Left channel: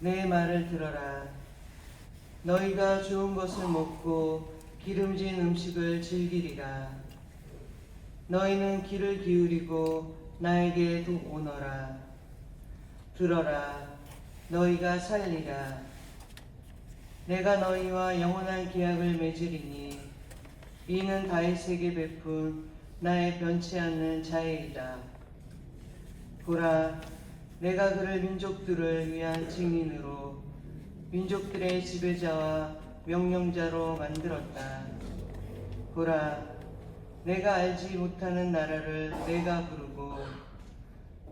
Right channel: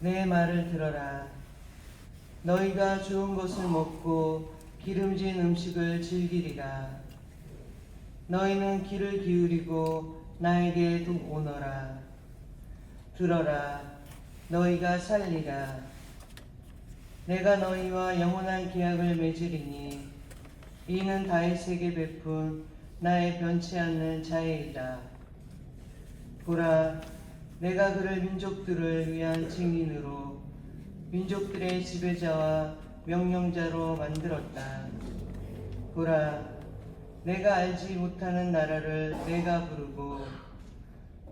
내 말을 들어라. 너희가 좋은 것을 먹고 기름진 음식을 즐기리라. 너희는 귀를 기울이고 나에게 오너라. 들어라. 너희가 살리라. 내가 너희와 영원한 계약을 맺으리니 이는 다윗에게 베푼 나의 변치 않는 자애이다. 보라, 내가 그를 민족들을 위한 증인으로 민족들의 지배자와 명령자로 만들었다. 보라, 내가 알지 못하는 나라를 내가 부르고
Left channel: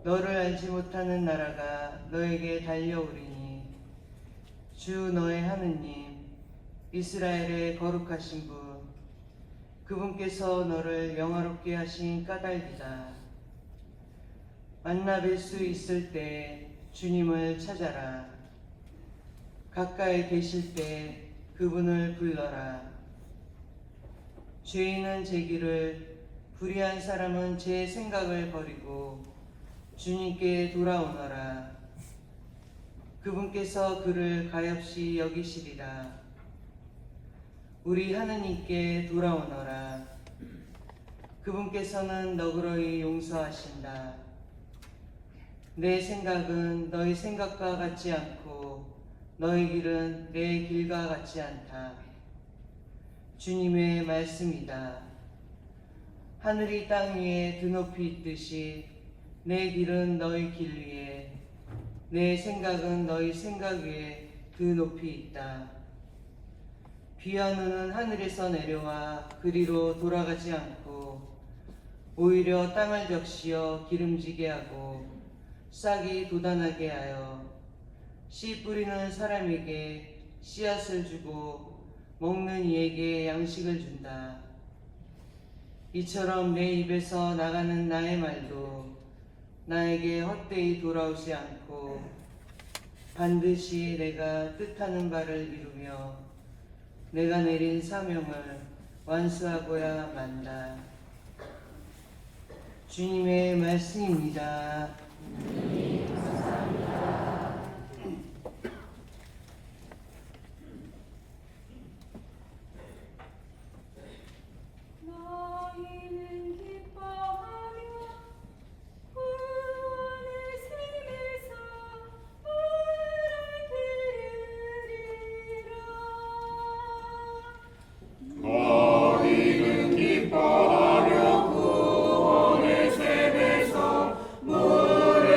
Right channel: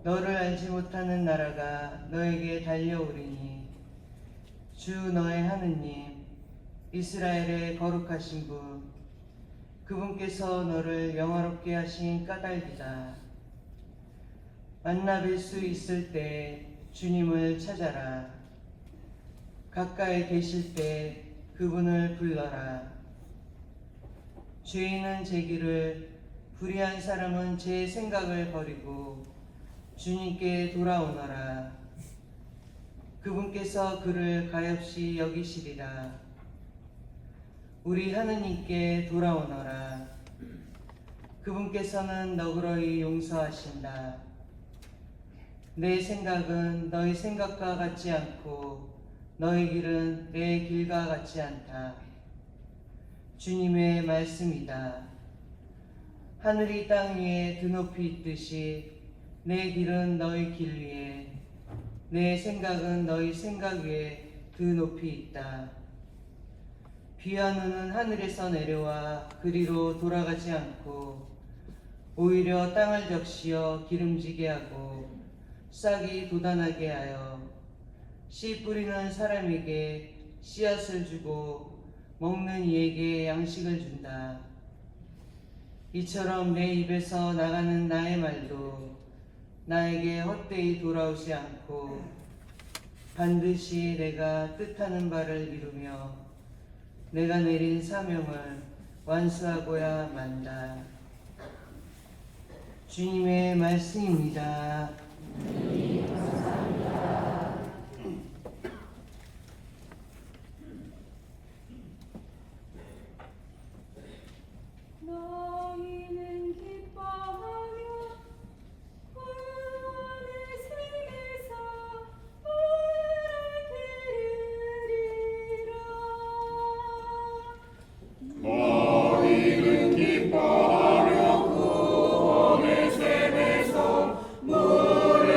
너를 알지 못하는 나라가 너에게 달려오리니 주 너의 하느님 이스라엘의 거룩하신 분 그분께서 너를 영화롭게 하신 까닭이다. 만나 뵐 수 있을 때 주님을 찾아라. 가까이 계실 때 그분을 불러라. 죄인은 제 길을, 불의한 사람은 제 생각을 버리고 주님께 돌아오너라. 그분께서 그를 가엾이 여기시리라. 우리 하느님께 돌아오너라. 그분께서는 너그러이 용서하신다. 내 생각은 너희 생각과 같지 않고 너희 길은 내 길과 같지 않다. 주님의 말씀이다. 하늘이 땅 위에 드높이 있듯이 내 길은 너희 길 위에 내 생각은 너희 생각 위에 드높이 있다. 비와 눈은 하늘에서 내려와 그리로 돌아가지 않고 오히려 땅을 적시어 기름지게 하고 싹이 돋아나게 하여 씨 뿌리는 사람에게 씨앗을 주고 먹는 이에게 양식을 준다. 이처럼 내 입에서 나가는 나의 말도 나에게 헛되이 돌아오지 않고 반드시 내가 뜻하는 바를 이루며 내가 내린 사명을 완수하고야 만다. 주님의 말씀입니다. 너희는 기뻐하며 구원의 생에서 말을 들으리라. 너희는 기뻐하며 구원의 샘에서 물을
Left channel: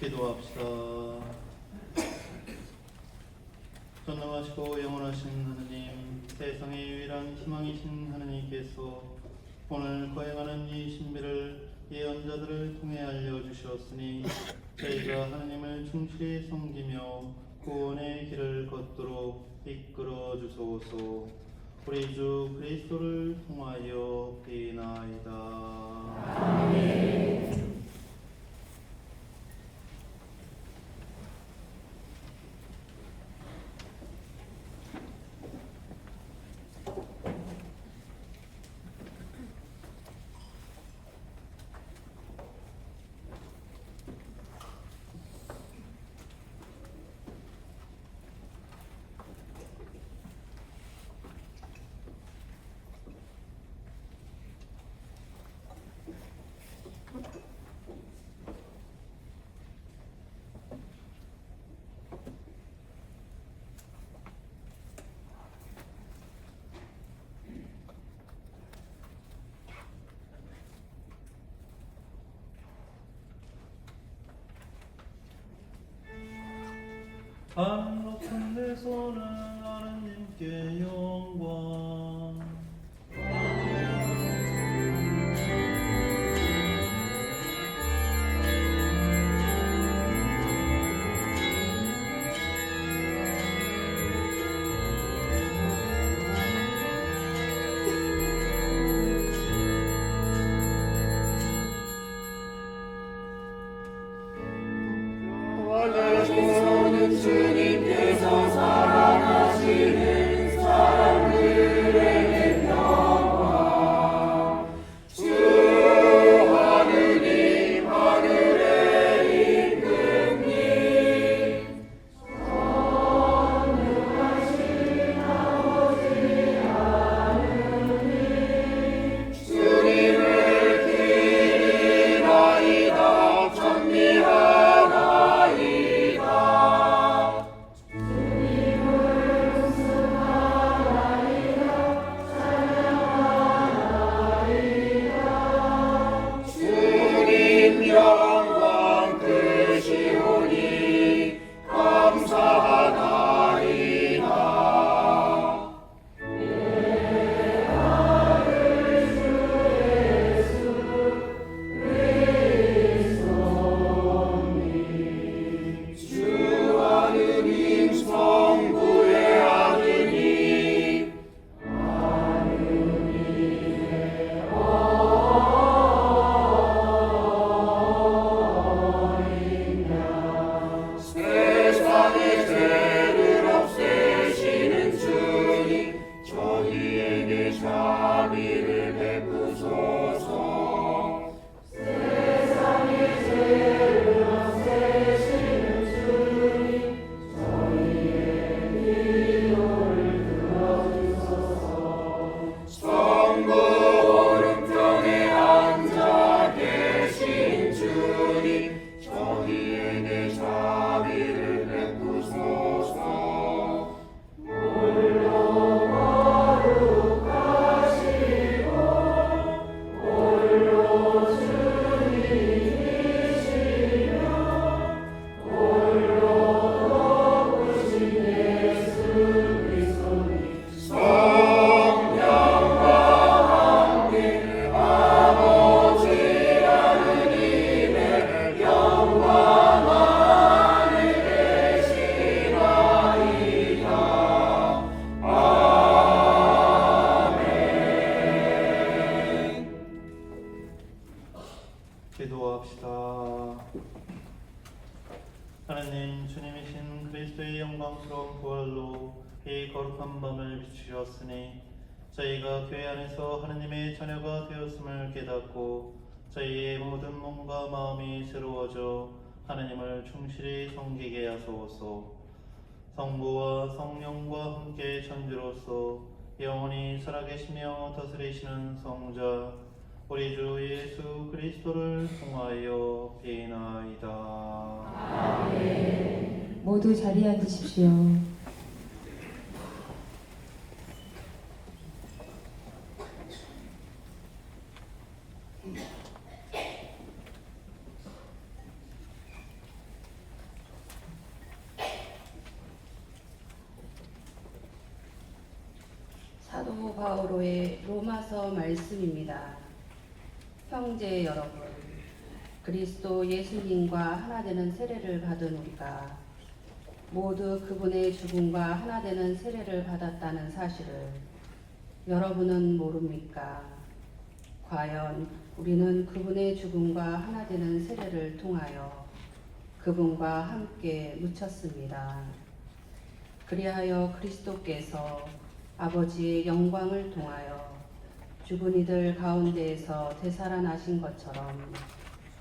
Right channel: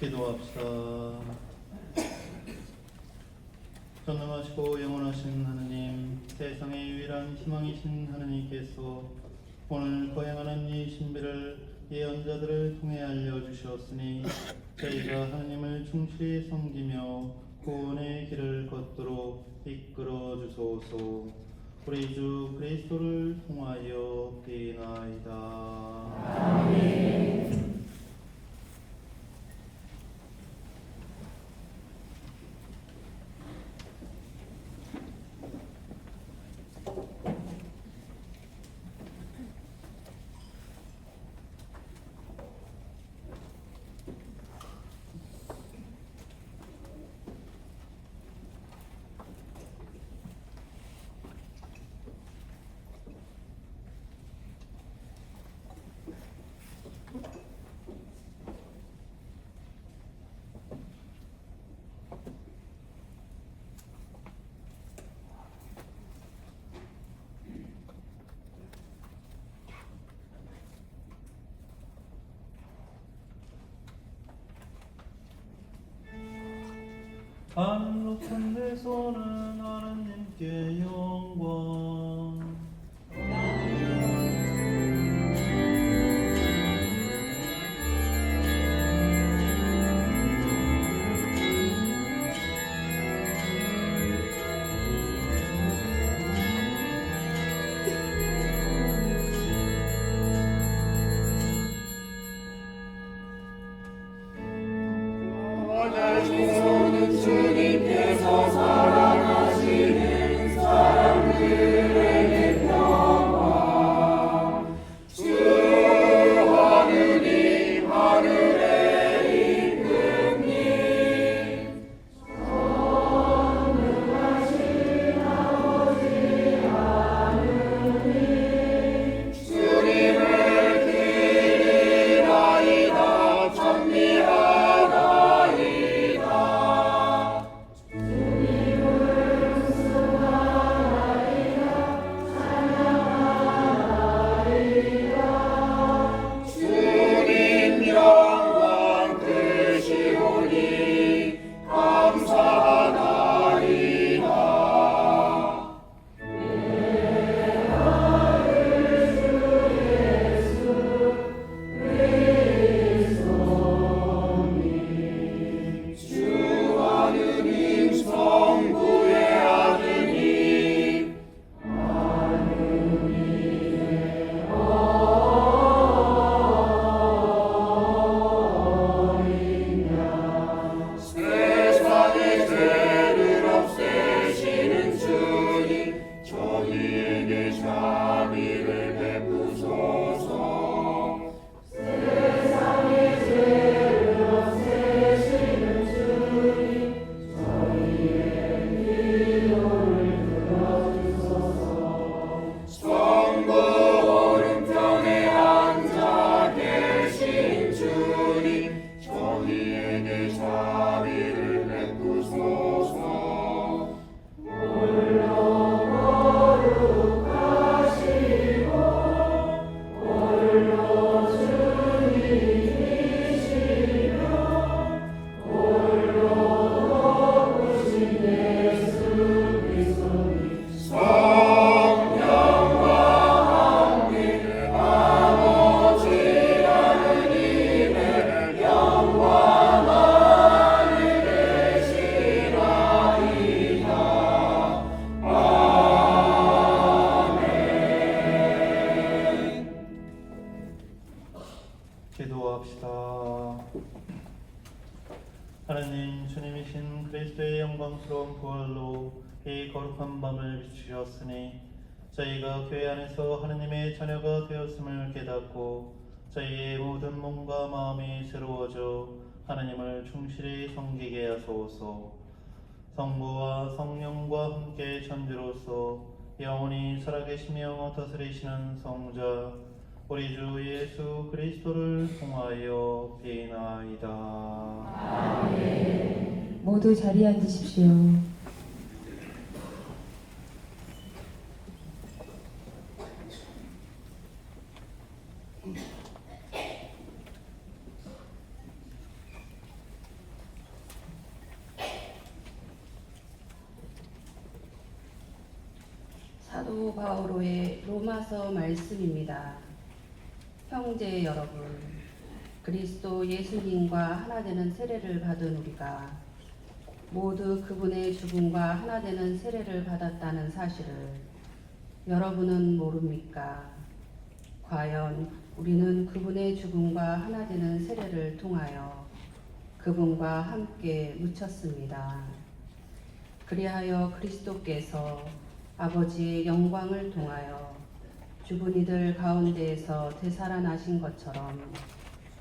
기도합시다. 전능하시고 영원하신 하느님, 세상의 유일한 희망이신 하느님께서 오늘 거행하는 이 신비를 예언자들을 통해 알려주셨으니 저희가 하느님을 충실히 섬기며 구원의 길을 걷도록 이끌어 주소서. 우리 주 그리스도를 통하여 비나이다. 아멘. 하늘 높은 데서는 하나님께 영광. 주님께서 사랑하시는 사람들에게 평화. 주 하느님 하늘에 임금님 전능하신 아버지 하느님 주님을 기리나이다. 찬미하나이다. 주님 영광 크시오니 감사하나이다. 주 하느님 성부의 아드님 세상의 죄를 없애시는 주님 저희에게 자비를 베푸소서. 세상의 죄를 없애시는 주님 저희의 기도를 들어주소서. 성부 오른편에 앉아 계신 주님 저희에게 자비를 베푸소서. 성령과 함께 아버지 하느님의 영광 안에 계시나이다. 아멘. 기도합시다. 하나님, 주님이신 그리스도의 영광스러운 부활로 이 거룩한 밤을 비추셨으니 저희가 교회 안에서 하나님의 자녀가 되었음을 깨닫고 저희의 모든 몸과 마음이 새로워져 하나님을 충실히 섬기게 하소서. 성부와 성령과 함께 천주로서 영원히 살아계시며 다스리시는 성자 우리 주 예수 그리스도를 통하여 비나이다. 아멘. 모두 자리에 앉으십시오. 사도 바오로의 로마서 말씀입니다. 형제 여러분, 그리스도 예수님과 하나 되는 세례를 받은 우리가 모두 그분의 죽음과 하나 되는 세례를 받았다는 사실을 여러분은 모릅니까? 과연 우리는 그분의 죽음과 하나 되는 세례를 통하여 그분과 함께 묻혔습니다. 그리하여 그리스도께서 아버지의 영광을 통하여 죽은 이들 가운데에서 되살아나신 것처럼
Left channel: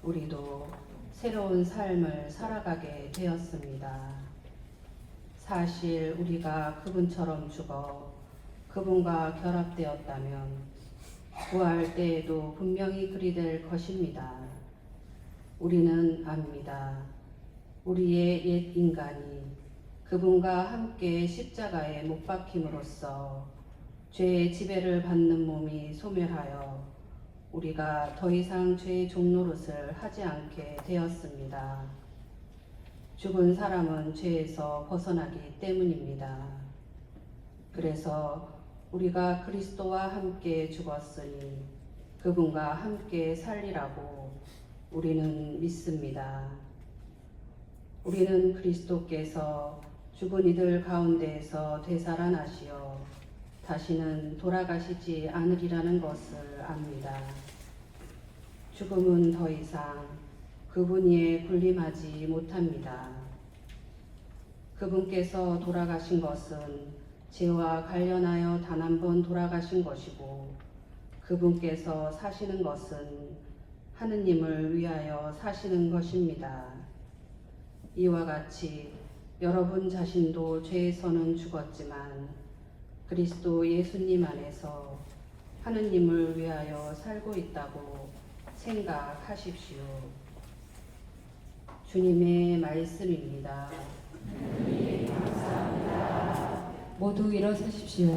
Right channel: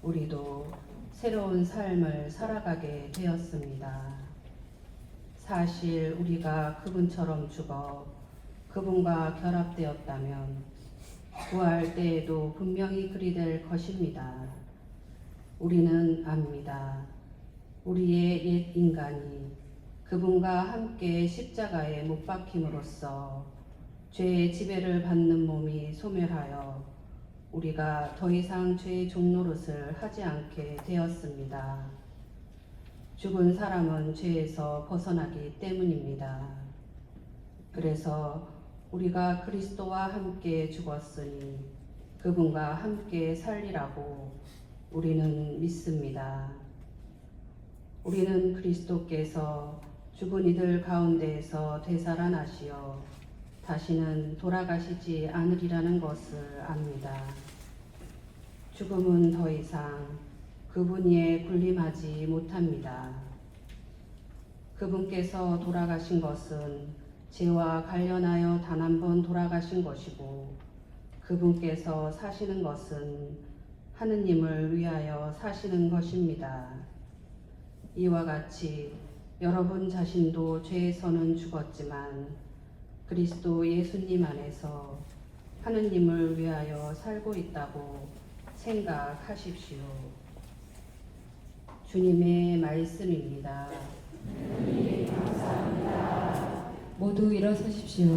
우리도 새로운 삶을 살아가게 되었습니다. 사실 우리가 그분처럼 죽어 그분과 결합되었다면 부활 때에도 분명히 그리 될 것입니다. 우리는 압니다. 우리의 옛 인간이 그분과 함께 십자가에 못 박힘으로써 죄의 지배를 받는 몸이 소멸하여 우리가 더 이상 죄의 종노릇을 하지 않게 되었습니다. 죽은 사람은 죄에서 벗어나기 때문입니다. 그래서 우리가 그리스도와 함께 죽었으니 그분과 함께 살리라고 우리는 믿습니다. 우리는 그리스도께서 죽은 이들 가운데에서 되살아나시어 다시는 돌아가시지 않으리라는 것을 압니다. 죽음은 더 이상 그분 위에 군림하지 못합니다. 그분께서 돌아가신 것은 죄와 관련하여 단 한 번 돌아가신 것이고 그분께서 사시는 것은 하느님을 위하여 사시는 것입니다. 이와 같이 여러분 자신도 죄에서는 죽었지만 그리스도 예수님 안에서 하느님을 위하여 살고 있다고 생각하십시오. 주님의 말씀입니다. 모두 일어서십시오.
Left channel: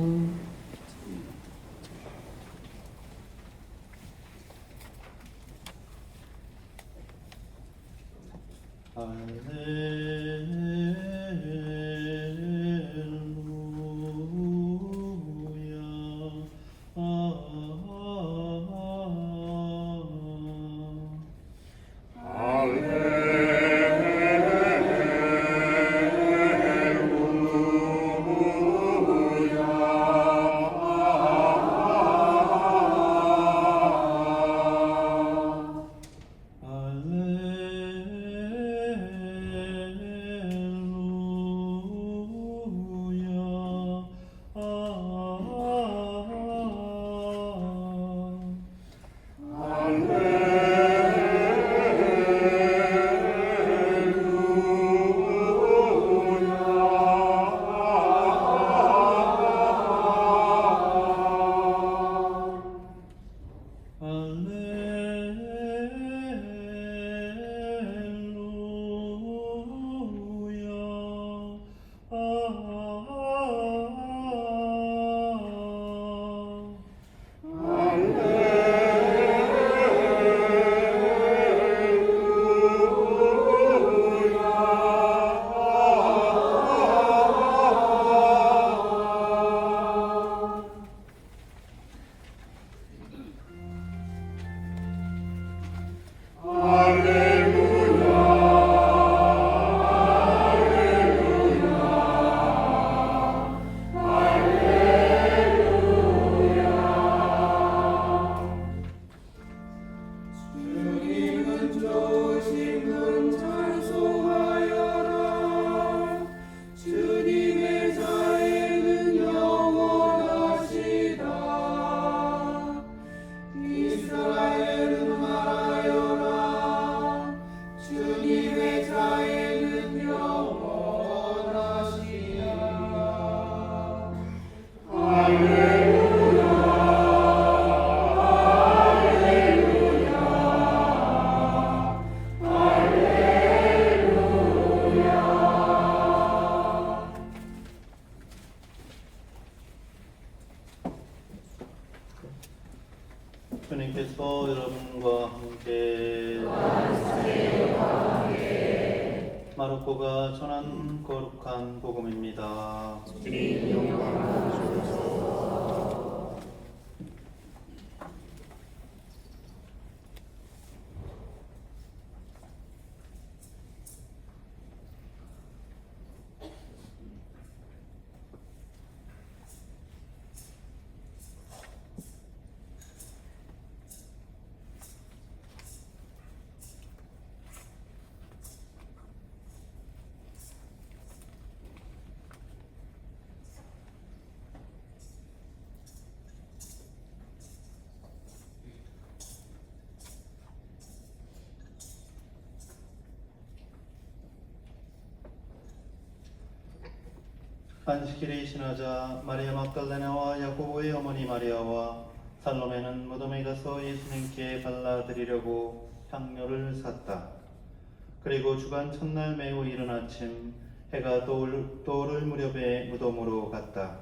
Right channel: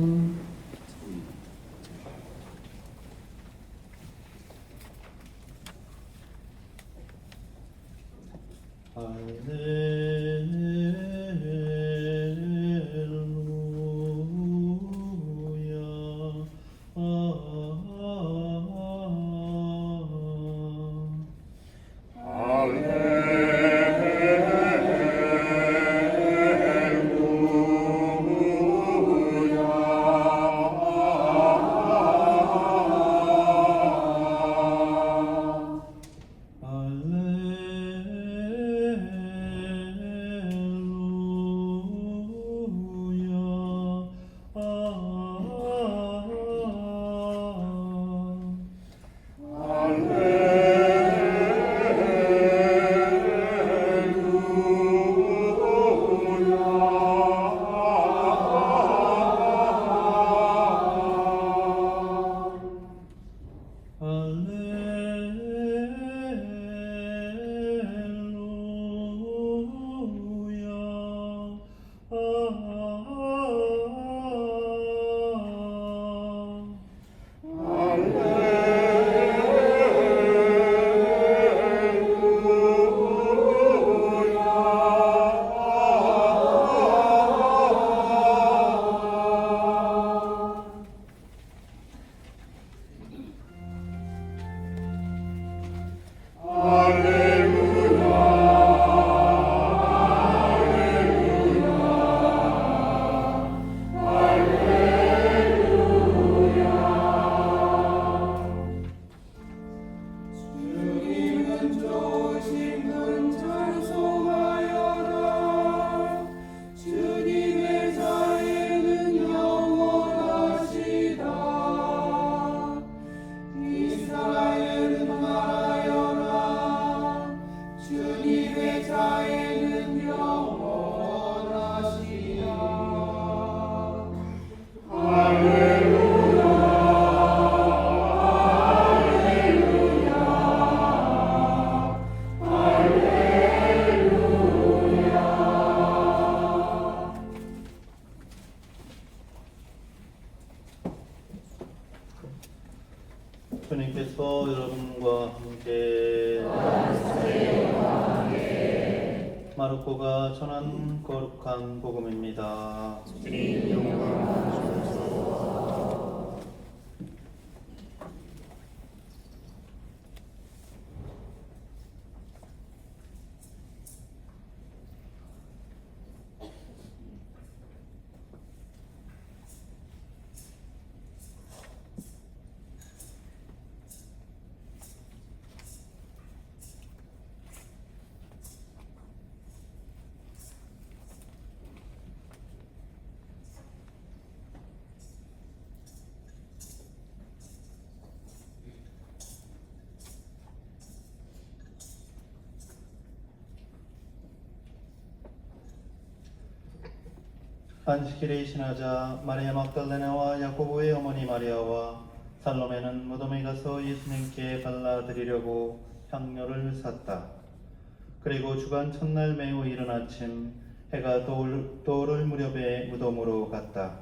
주님께서 여러분과 함께 마르코가 전한 거룩한 복음입니다. 주님 영광 받으소서. 안식일에 신하자 마리아 막달레나와 야고보의 어머니 마리아와 살로메는 무덤에 가서 예수님께 발라드리려고 향료를 샀다. 그리고 주간 첫날 매우 이른 아침 해가 떠오를 무렵에 무덤으로 갔다.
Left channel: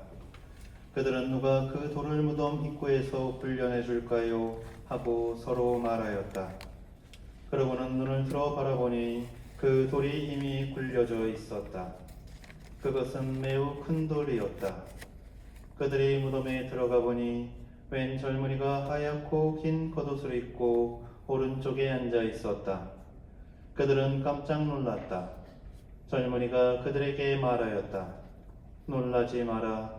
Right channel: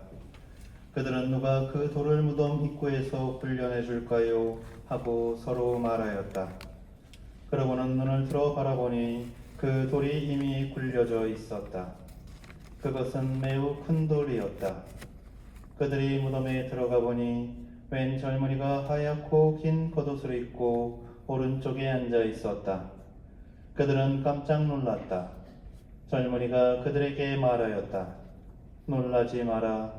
그들은 누가 그 돌을 무덤 입구에서 굴려내 줄까요? 하고 서로 말하였다. 그러고는 눈을 들어 바라보니 그 돌이 이미 굴려져 있었다. 그것은 매우 큰 돌이었다. 그들이 무덤에 들어가 보니 웬 젊은이가 하얗고 긴 겉옷을 입고 오른쪽에 앉아 있었다. 그들은 깜짝 놀랐다. 젊은이가 그들에게 말하였다. 놀라지 마라.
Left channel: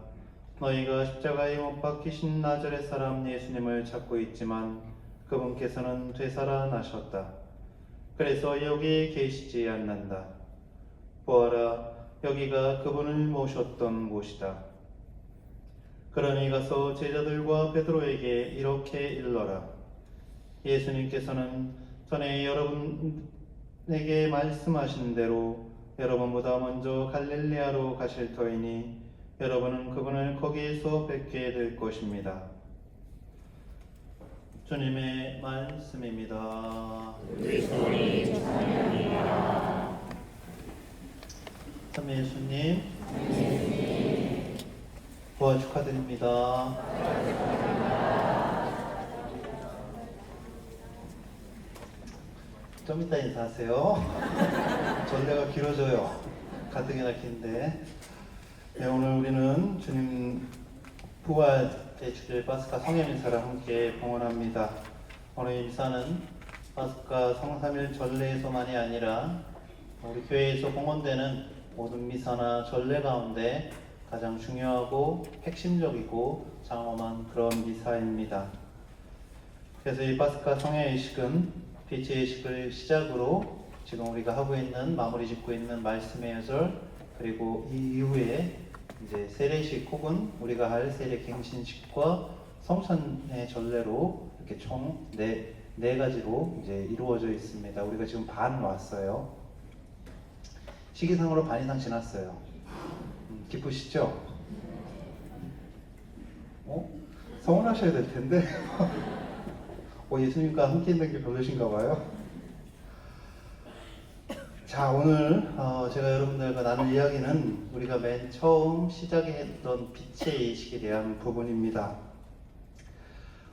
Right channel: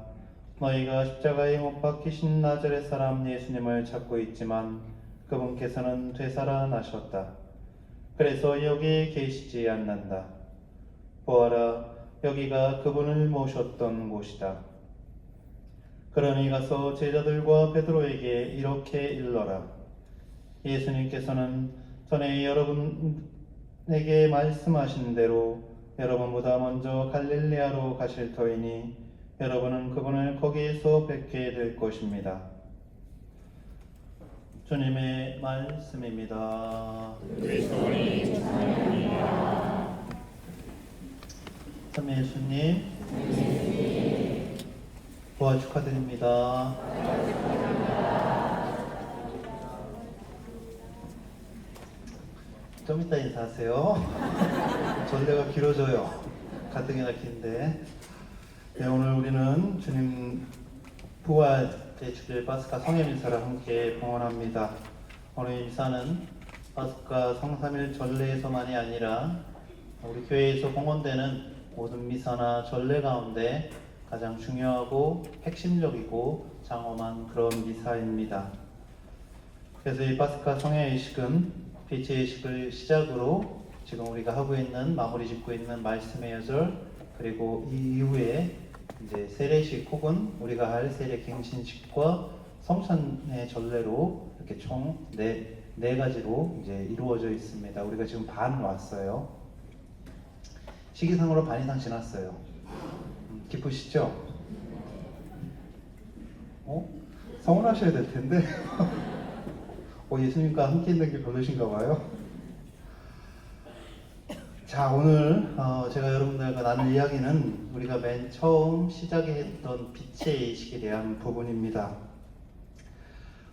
너희가 십자가에 못 박히신 나자렛 사람 예수님을 찾고 있지만 그분께서는 되살아나셨다. 그래서 여기에 계시지 않는다. 보아라, 여기가 그분을 모셨던 곳이다. 그러니 가서 제자들과 베드로에게 이렇게 일러라. 예수님께서는 전에 여러분에게 말씀하신 대로 여러분보다 먼저 갈릴레아로 가실 터이니 여러분은 그분을 거기에서 뵙게 될 것입니다. 주님의 말씀입니다. 참 예수님, 부활 축하드립니다. 좀 이따 인사하세요. 전례가 길어져요. 가뜩이나 긴데. 네, 오늘 우리는 주님 부활 제7일 파스카 성령 미사를 함께 봉헌합니다. 오늘 미사는 파스카 성삼일 전례에서만이 아니라 우리 교회에서 봉헌되는 모든 미사나 전례 가운데 가장 중요하고 핵심적이고 장엄한 그런 미사입니다. 그래서 이 파스카 성령 예식은 빛의 예식을 시작으로 지금 우리가 하고 있는 마무리 짓고 있는 말씀의 여절 그리고 이 이후에 이제 세례식 혹은 우리가 할 세례 갱신식과 성찬의 전례로 이렇게 총 네 가지로 이제 이루어져 있습니다. 우리가 지금 반 왔어요. 시기상으로 반 이상 지났어요. 기쁘시죠? 서운하셔야 될 텐데. 예수님과 함께 있는 게 별로신가 봐요. 자, 오늘 제가 여러분들과 나눌 이야기는 우리가 맨 처음 시작에 했던 빛의 예식에 대한 부분입니다.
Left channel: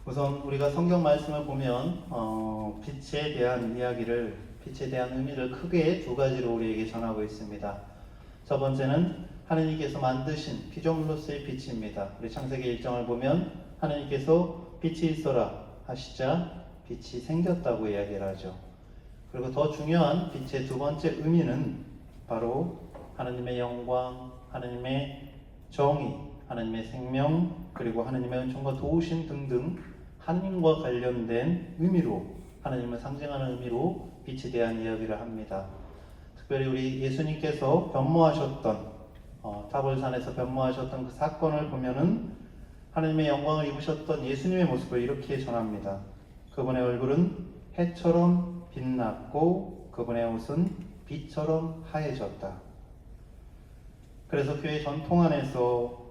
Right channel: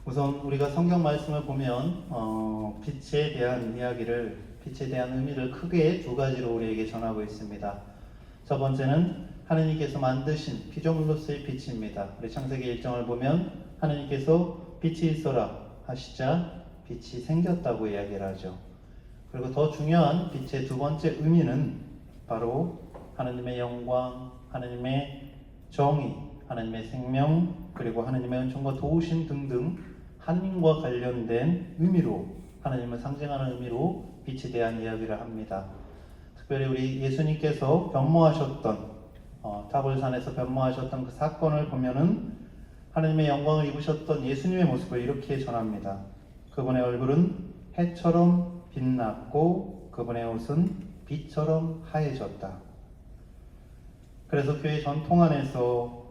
우선 우리가 성경 말씀을 보면 빛에 대한 이야기를, 빛에 대한 의미를 크게 두 가지로 우리에게 전하고 있습니다. 첫 번째는 하느님께서 만드신 피조물로서의 빛입니다. 우리 창세기 1장을 보면 하느님께서 빛이 있어라 하시자 빛이 생겼다고 이야기를 하죠. 그리고 더 중요한 빛의 두 번째 의미는 바로 하느님의 영광, 하느님의 정의, 하느님의 생명, 그리고 하느님의 은총과 도우심 등등 하느님과 관련된 의미로, 하느님을 상징하는 의미로 빛에 대한 이야기를 합니다. 특별히 우리 예수님께서 변모하셨던 타볼산에서 변모하셨던 그 사건을 보면은 하느님의 영광을 입으셨던 예수님의 모습을 이렇게 전합니다. 그분의 얼굴은 해처럼 빛났고 그분의 옷은 빛처럼 하얘졌다. 그래서 교회 전통 안에서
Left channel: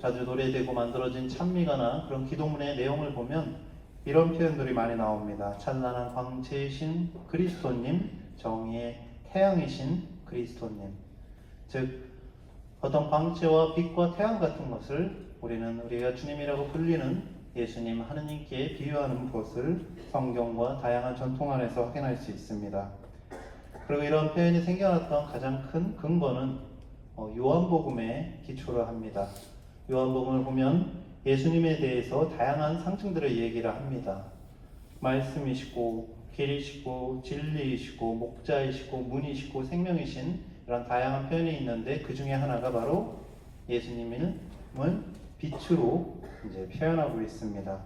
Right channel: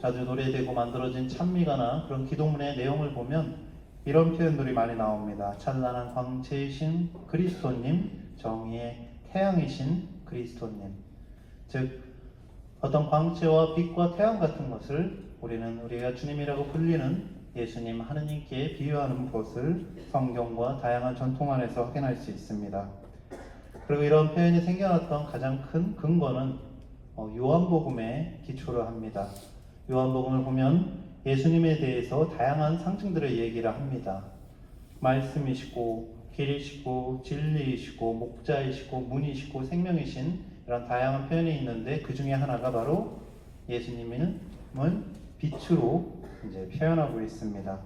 자주 노래되고 만들어진 찬미가나 그런 기도문의 내용을 보면 이런 표현들이 많이 나옵니다. 찬란한 광채이신 그리스도님, 정의의 태양이신 그리스도님. 즉 어떤 광채와 빛과 태양 같은 것을 우리가 주님이라고 불리는 예수님, 하느님께 비유하는 것을 성경과 다양한 전통 안에서 확인할 수 있습니다. 그리고 이런 표현이 생겨났던 가장 큰 근거는 요한복음에 기초를 합니다. 요한복음을 보면 예수님에 대해서 다양한 상징들을 얘기를 합니다. 말씀이시고 길이시고 진리이시고 목자이시고 문이시고 생명이신 이런 다양한 표현이 있는데 그 중에 하나가 바로 예수님을 빛으로 이제 표현하고 있습니다.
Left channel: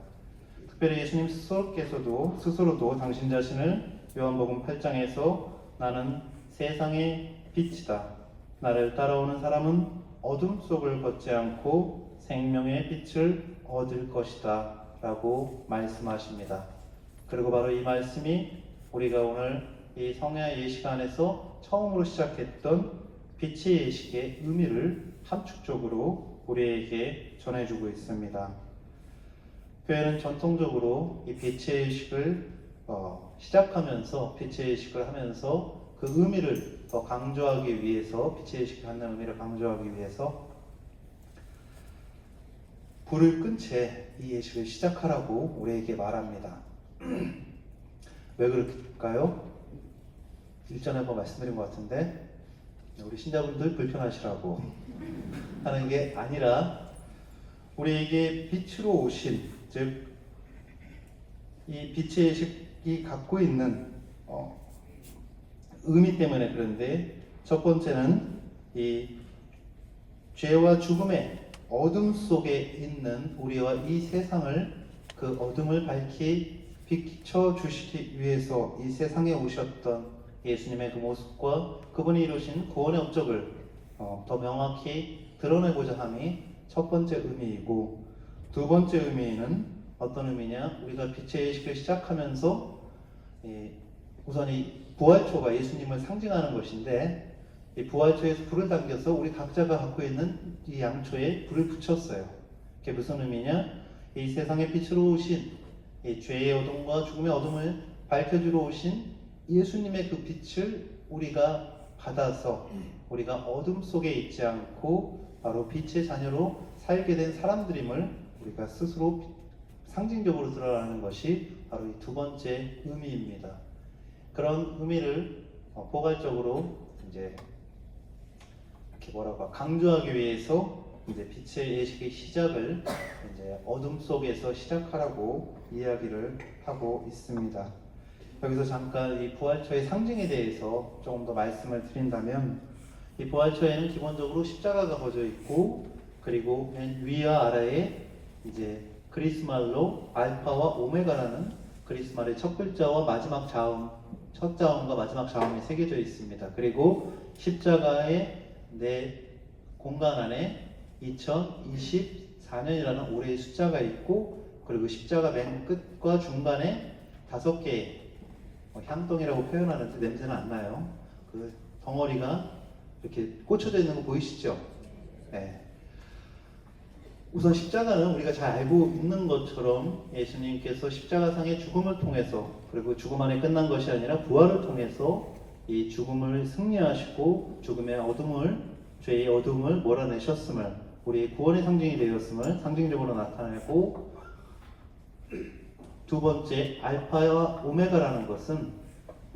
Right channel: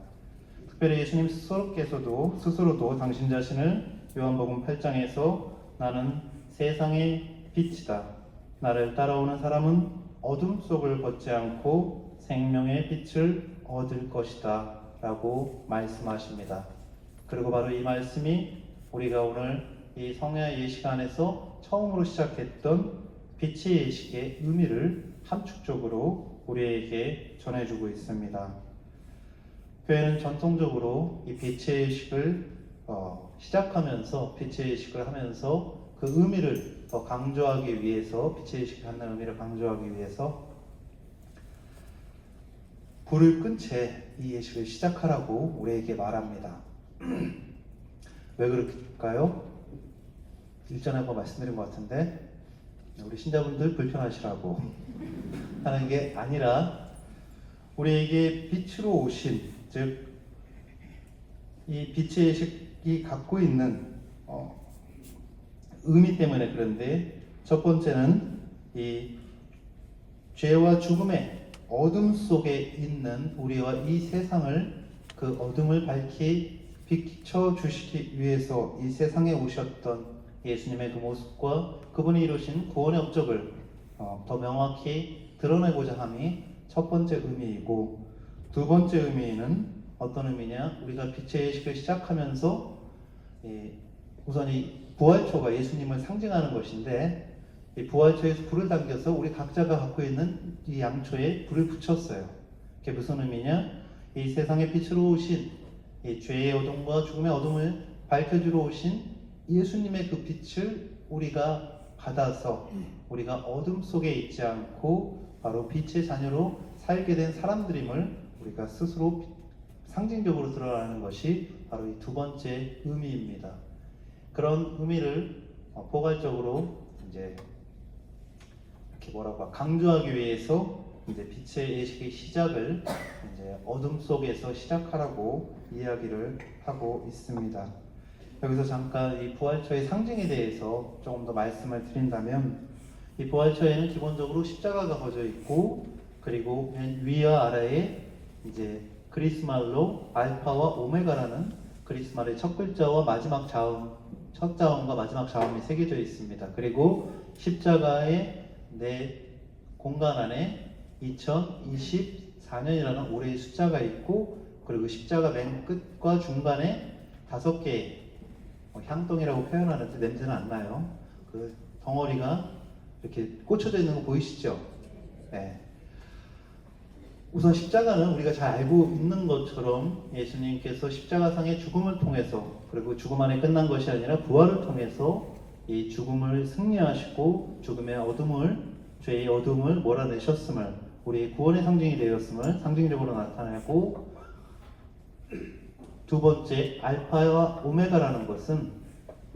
특별히 예수님 스스로도 당신 자신을 요한복음 8장에서 나는 세상의 빛이다. 나를 따라오는 사람은 어둠 속을 걷지 않고 생명의 빛을 얻을 것이다 라고 말씀하십니다. 그리고 바로 이 말씀이 우리가 오늘 이 성야 예식 안에서 처음으로 시작했던 빛의 예식의 의미를 함축적으로 우리에게 전해주고 있습니다. 교회는 전통적으로 이 빛의 예식을 시작하면서 빛의 예식을 하면서 그 의미를 더 강조하기 위해서 빛의 예식을 하는 의미를 강조하기 위해서 불을 끈 채 이 예식을 시작하라고 우리에게 말합니다. 왜 그럴까요? 일전에 한번 말씀드린 것 같은데 우리 신자분들 불편하시라고 하는 게 아니라 우리에게 빛으로 오신, 즉 이 빛의 예식이 갖고 있는 의미 때문에 그런데, 첫 번째는 이 죄와 죽음의 어둠 속에 있는 우리와 이 세상을, 그 어둠을 밝히 비춰주시기 위해서 이 세상에 오셨던 예수님의 그 모습과 그분이 이루신 구원의 업적을 더 명확히 드러내고자 함이 첫 번째 의미이고, 두 번째 의미는 어떤 의미냐? 우리가 빛의 예식을 시작하면서 우선 이 부활초가 예수님을 상징하는 것인데, 이 부활초에서 불을 당겨서 우리 각자가 갖고 있는 이 양초에 불을 붙였어요. 그게 무슨 의미냐? 이 세상의 빛으로 오신, 이 죄의 어둠과 죽음의 어둠을 밝혀주러 오신 예수님의 그 빛을 우리가 받아서 우리가 어둠 속에 있지 않고 바로 빛의 자녀로 살게 된 사람들임을 우리가 스스로 상징적으로 드러나는 것이 바로 이 두 번째 의미입니다. 그런 의미를 포괄적으로 이제 이렇게 강조하기 위해서 이제 빛의 예식의 시작을 이제 어둠 속에서 시작하라고 이야기를 하고 있습니다. 여기서 잠깐 이 부활초의 상징에 대해서 조금 더 말씀을 드린다면, 이 부활초에는 기본적으로 십자가가 거져 있고, 그리고 맨 위와 아래에 이제 그리스말로 알파와 오메가라는 그리스말의 첫 글자와 마지막 자음, 첫 자음과 마지막 자음이 새겨져 있습니다. 그리고 십자가의 내 공간 안에 2024년이라는 올해의 숫자가 있고, 그리고 십자가 맨 끝과 중간에 5개의 향동이라고 표현하는데 냄새는 안 나요. 그 덩어리가 이렇게 꽂혀져 있는 거 보이시죠? 네. 우선 십자가는 우리가 잘 알고 있는 것처럼 예수님께서 십자가상의 죽음을 통해서, 그리고 죽음 안에 끝난 것이 아니라 부활을 통해서 이 죽음을 승리하시고 죽음의 어둠을, 죄의 어둠을 몰아내셨음을, 우리의 구원의 상징이 되었음을 상징적으로 나타내고, 두 번째 알파와 오메가라는 것은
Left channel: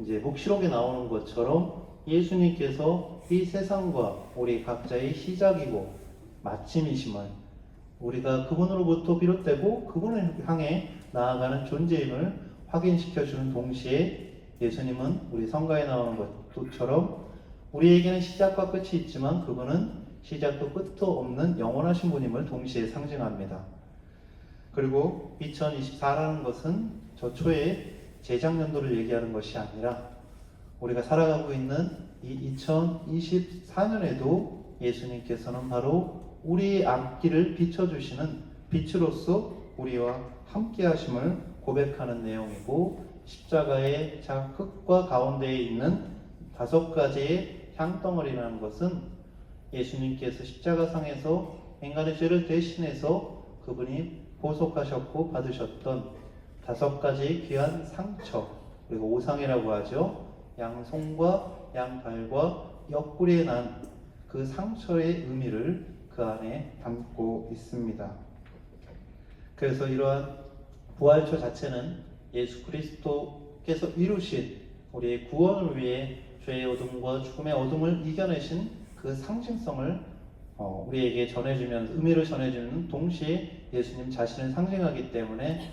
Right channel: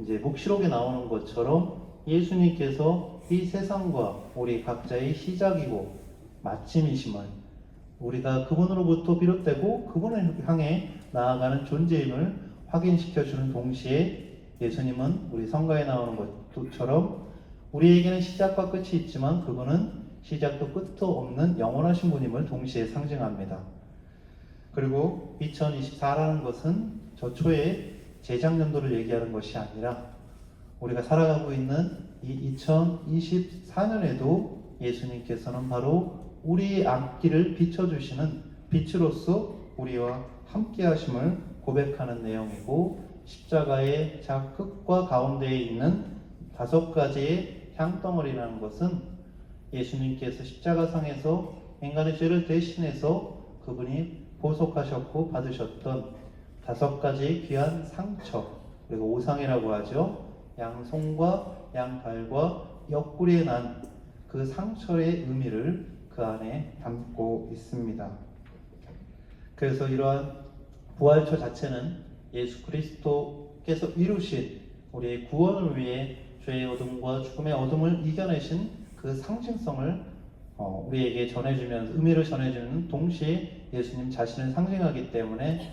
이제 묵시록에 나오는 것처럼 예수님께서 이 세상과 우리 각자의 시작이고 마침이심을, 우리가 그분으로부터 비롯되고 그분을 향해 나아가는 존재임을 확인시켜주는 동시에, 예수님은 우리 성가에 나오는 것처럼 우리에게는 시작과 끝이 있지만 그분은 시작도 끝도 없는 영원하신 분임을 동시에 상징합니다. 그리고 2024라는 것은 저초의 재작년도를 얘기하는 것이 아니라 우리가 살아가고 있는 이 2024년에도 예수님께서는 바로 우리의 앞길을 비춰주시는 빛으로서 우리와 함께 하심을 고백하는 내용이고, 십자가의 끝과 가운데에 있는 5가지의 향덩어리라는 것은 예수님께서 십자가상에서 인간의 죄를 대신해서 그분이 보속하셨고 받으셨던 5가지의 귀한 상처, 그리고 오상이라고 하죠. 양손과 양발과 옆구리에 난 그 상처의 의미를 그 안에 담고 있습니다. 그래서 이러한 부활초 자체는 예수 그리스도께서 이루신 우리의 구원을 위해 죄의 어둠과 죽음의 어둠을 이겨내신 그 상징성을 우리에게 전해주면서, 의미를 전해주는 동시에 예수님 자신을 상징하기 때문에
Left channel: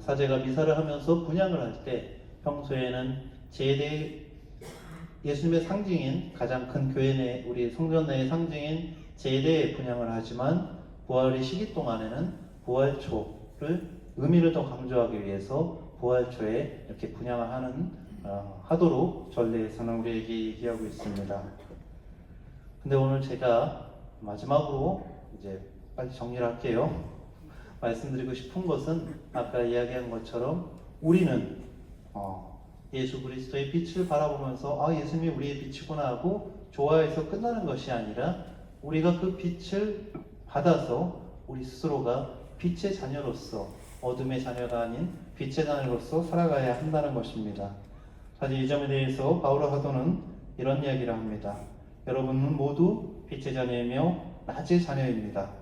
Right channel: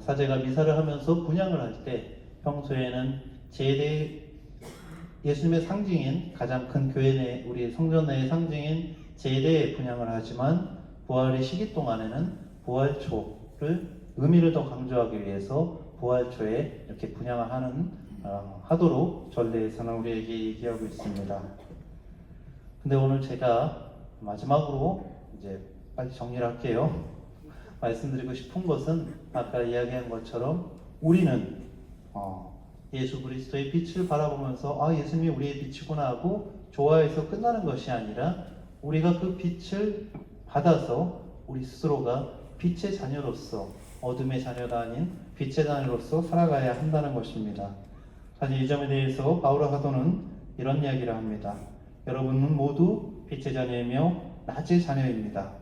사제가 미사를 하면서 분향을 할 때 평소에는 제대, 예수님의 상징인 가장 큰 교회 내, 우리 성전 내의 상징인 제대의 분향을 하지만, 부활의 시기 동안에는 부활초를 의미를 더 강조하기 위해서 부활초에 이렇게 분향을 하도록 전례에서는 우리에게 얘기하고 있습니다. 근데 오늘 제가 마지막으로 이제 빨리 정리를 할게요. 말씀드리고 싶은 것은 아까 이야기한 것처럼 우리는 예수 그리스도의 빛을 바라보면서 아 예수님이 우리의 빛이구나 하고 좋아해서 끝나는 것이 아니라 우리가 그 빛을 받아서 우리 스스로가 빛의 자녀로서 어둠의 자녀가 아닌 빛의 자녀로서 살아가야 한다는 것입니다. 사실 이 점에 대해서 바오로 사도는 이런 이야기를 합니다. 여러분은 모두 빛의 자녀이며 낮의 자녀입니다.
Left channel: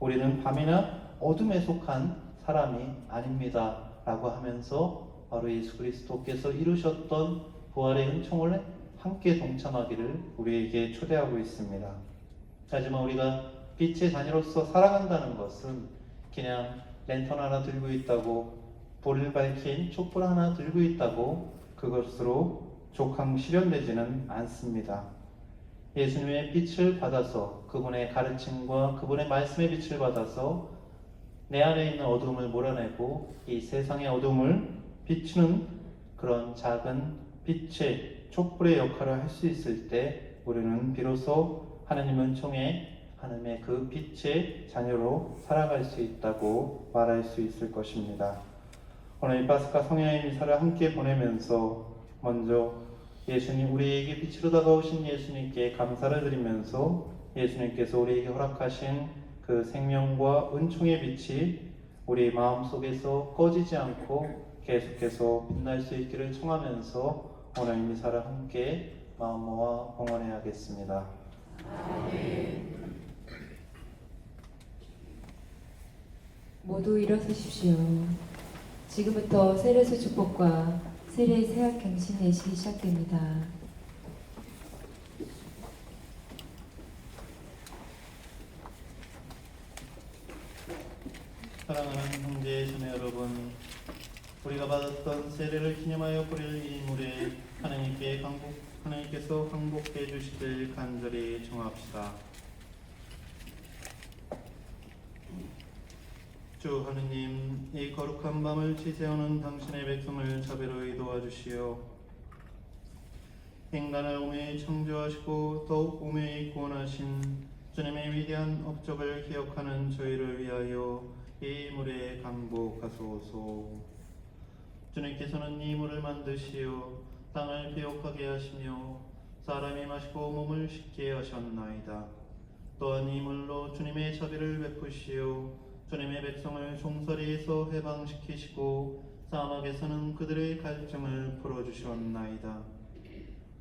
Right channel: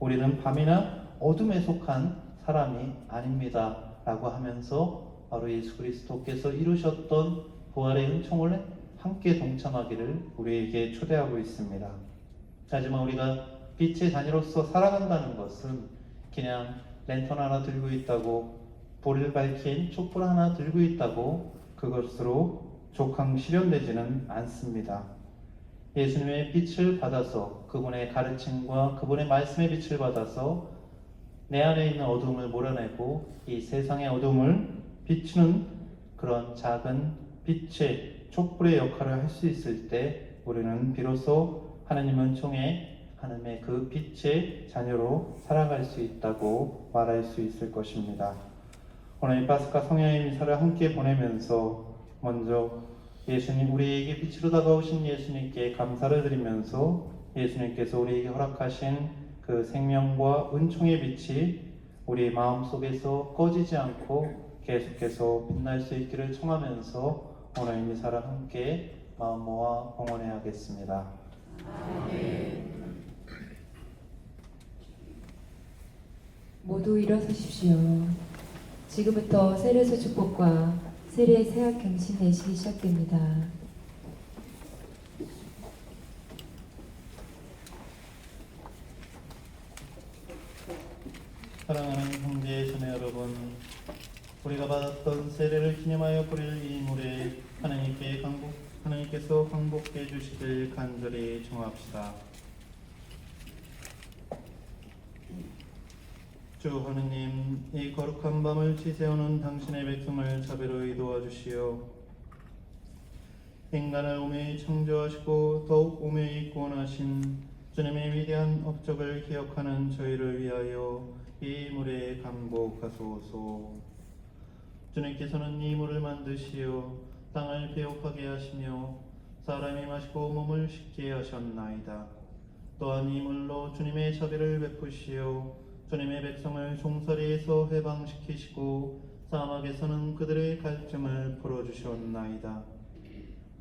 우리는 밤이나 어둠에 속한 사람이 아닙니다. 라고 하면서 바로 예수 그리스도께서 이루셨던 부활의 은총을 함께 동참하기를 우리에게 초대하고 있습니다. 하지만 우리가 빛의 자녀로서 살아간다는 것은 그냥 랜턴 하나 들고 있다고, 불을 밝힌 촛불 하나 들고 있다고 그것으로 족항 실현되지는 않습니다. 예수님의 빛을 받아서 그분의 가르침과 그분의 말씀의 빛을 받아서 내 안에 있는 어둠을 몰아내고 이 세상의 어둠을 비추는 그런 작은 빛의 촛불의 역할을 할 수 있을 때 우리는 비로소 하나님 은총에 하나님의 그 빛의 자녀로 살아갈 수 있다고 말할 수 있을 것입니다. 오늘 이 파스카 성령의 미사를 함께 보내면서 먼저 예수님, 우리에게 빛으로 다가오신 예수님께 감사를 드리면서 예수님께서 우리에게 허락하신 그 생명과 은총의 빛이 우리 마음속에서 꺼지지 않고 계속해서 빛날 수 있기를 청하면서 오늘 이 미사를 함께 마음 모아 봉헌해야겠습니다. 모두 일어서십시오. 지금부터 세례수 축복과 세례 세학 경신 내식이 시작됩니다. 사랑하는 형제 자매 여러분, 우리가 받았던 세례를 기념하여 뿌릴 이 물에 하나님께서 항복해 주시길 간절히 청합시다. 주 하느님, 이 거룩한 밤을 지새우는 당신의 백성을 자비로이 도와주시오. 인간을 오매이 창조하시고 더욱 오매이 구원하신 주님의 위대한 업적을 기억하는 저희를 위하여 이 물에 강복하소서. 주님께서는 이 물을 만드시어 땅을 비옥하게 하시며 사람이 마시고 몸을 씻게 하셨나이다. 또한 이 물로 주님의 자비를 베푸시어 주님의 백성을 종살이에서 해방시키시고 사막에서는 그들의 갈증을 풀어주셨나이다.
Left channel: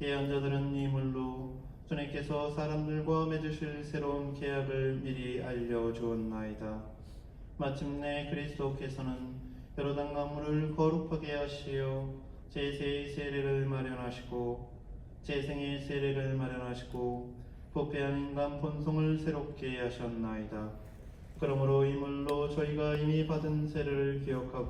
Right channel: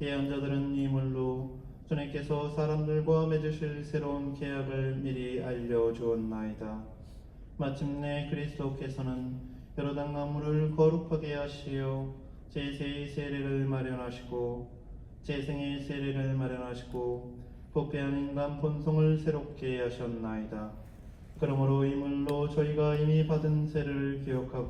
예언자들은 이 물로 주님께서 사람들과 맺으실 새로운 계약을 미리 알려주었나이다. 마침내 그리스도께서는 요르단 강물을 거룩하게 하시어 제세의 세례를 마련하시고 재생의 세례를 마련하시고 부패한 인간 본성을 새롭게 하셨나이다. 그러므로 이 물로 저희가 이미 받은 세례를 기억하고